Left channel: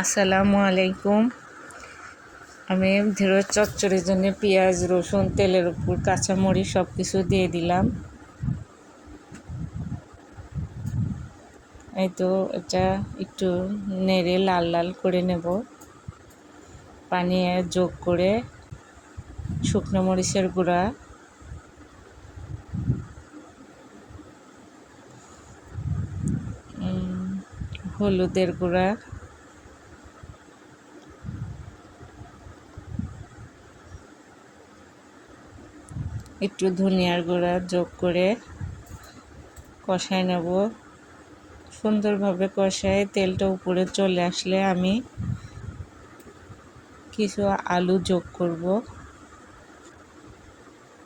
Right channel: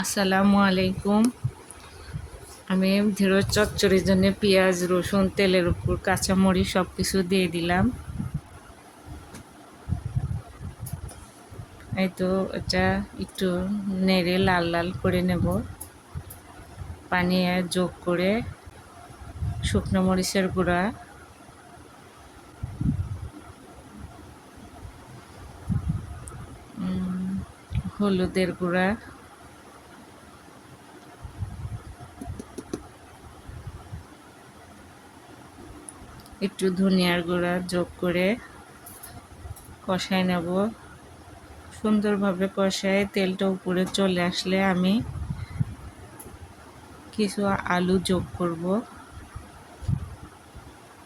আসসালামু আলাইকুম। আমি ঢেঁড়স চচ্চড়ির জন্য পেঁয়াজ, রসুন, তেলের উপর কাঁচামরিচ সব কিছু দিয়ে দিলাম। এই তো এটা একটু নেড়ে লাল লাল করে নেব। পানি যোগ করে শুকনো মরিচের গুঁড়া, হলুদের গুঁড়া, একটু ধনিয়ার গুঁড়া যোগ করে কষায় নেব। সুন্দরভাবে কষায় তেলটা উপরে চলে আসলে আমি কিছু আলু যোগ করব।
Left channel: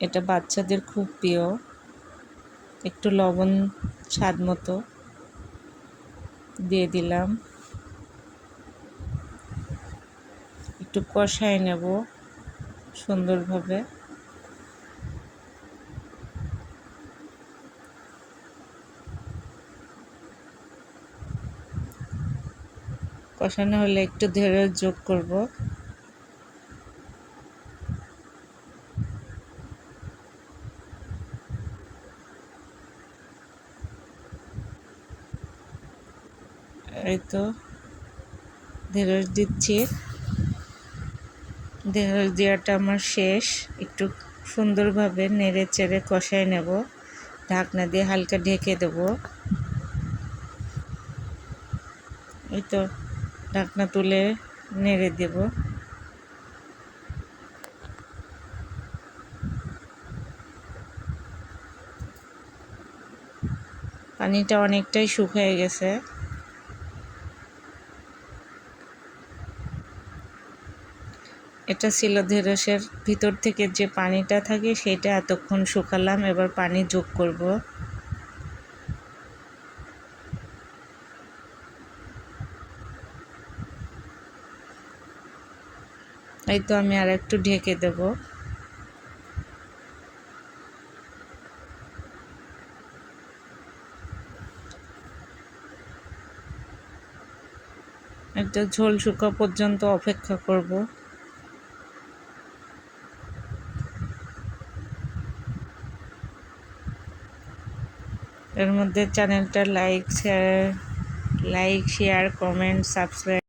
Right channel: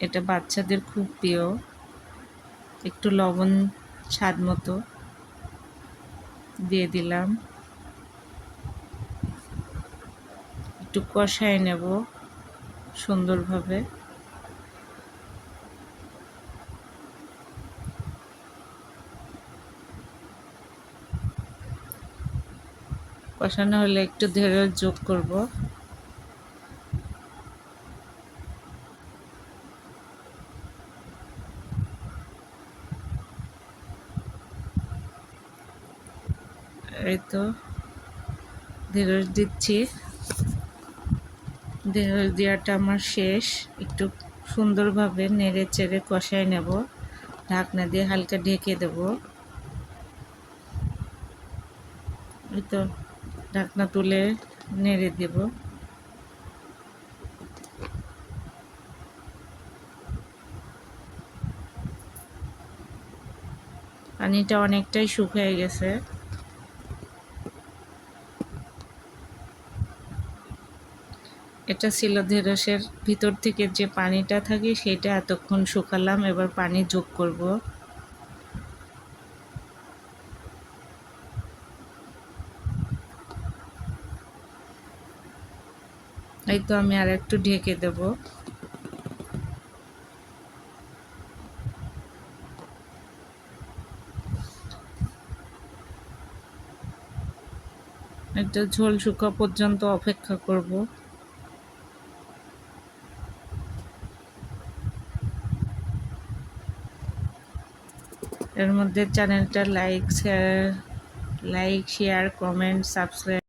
এটা বাচ্চাদের খুব প্রিয়। একটু লবণ স্বাদ মতো দিয়ে দিলাম। একটু কষায় নেব সুন্দরভাবে। কষানো হলে একটু ঢেঁড়স যোগ করব। এই তো ঢেঁড়স দিচ্ছি। ঢেঁড়স দেওয়াটা আমার শেষ। একটু সুন্দরভাবে নেড়ে চেড়ে কষায় নেব। ঢাকনা দিয়ে হালকা ঢেকে দেব। এই তো ঢাকনা তুলে নেড়ে দেব। পানিটা অনেকটাই শুকিয়ে গেছে। এটা ছিল ঢেঁড়সের ভিতর থেকে যে পানিটা থাকে সেটা এতক্ষণ শুকালাম। এবার পানি যোগ করব। এই তো আমি আর একটু ঢেকে দেব। একটু ঝোল শুকা পর্যন্ত অপেক্ষা করব। এর মধ্যে চ্যানেলটা লাইক শেয়ার কমেন্ট সাবস্ক্রাইব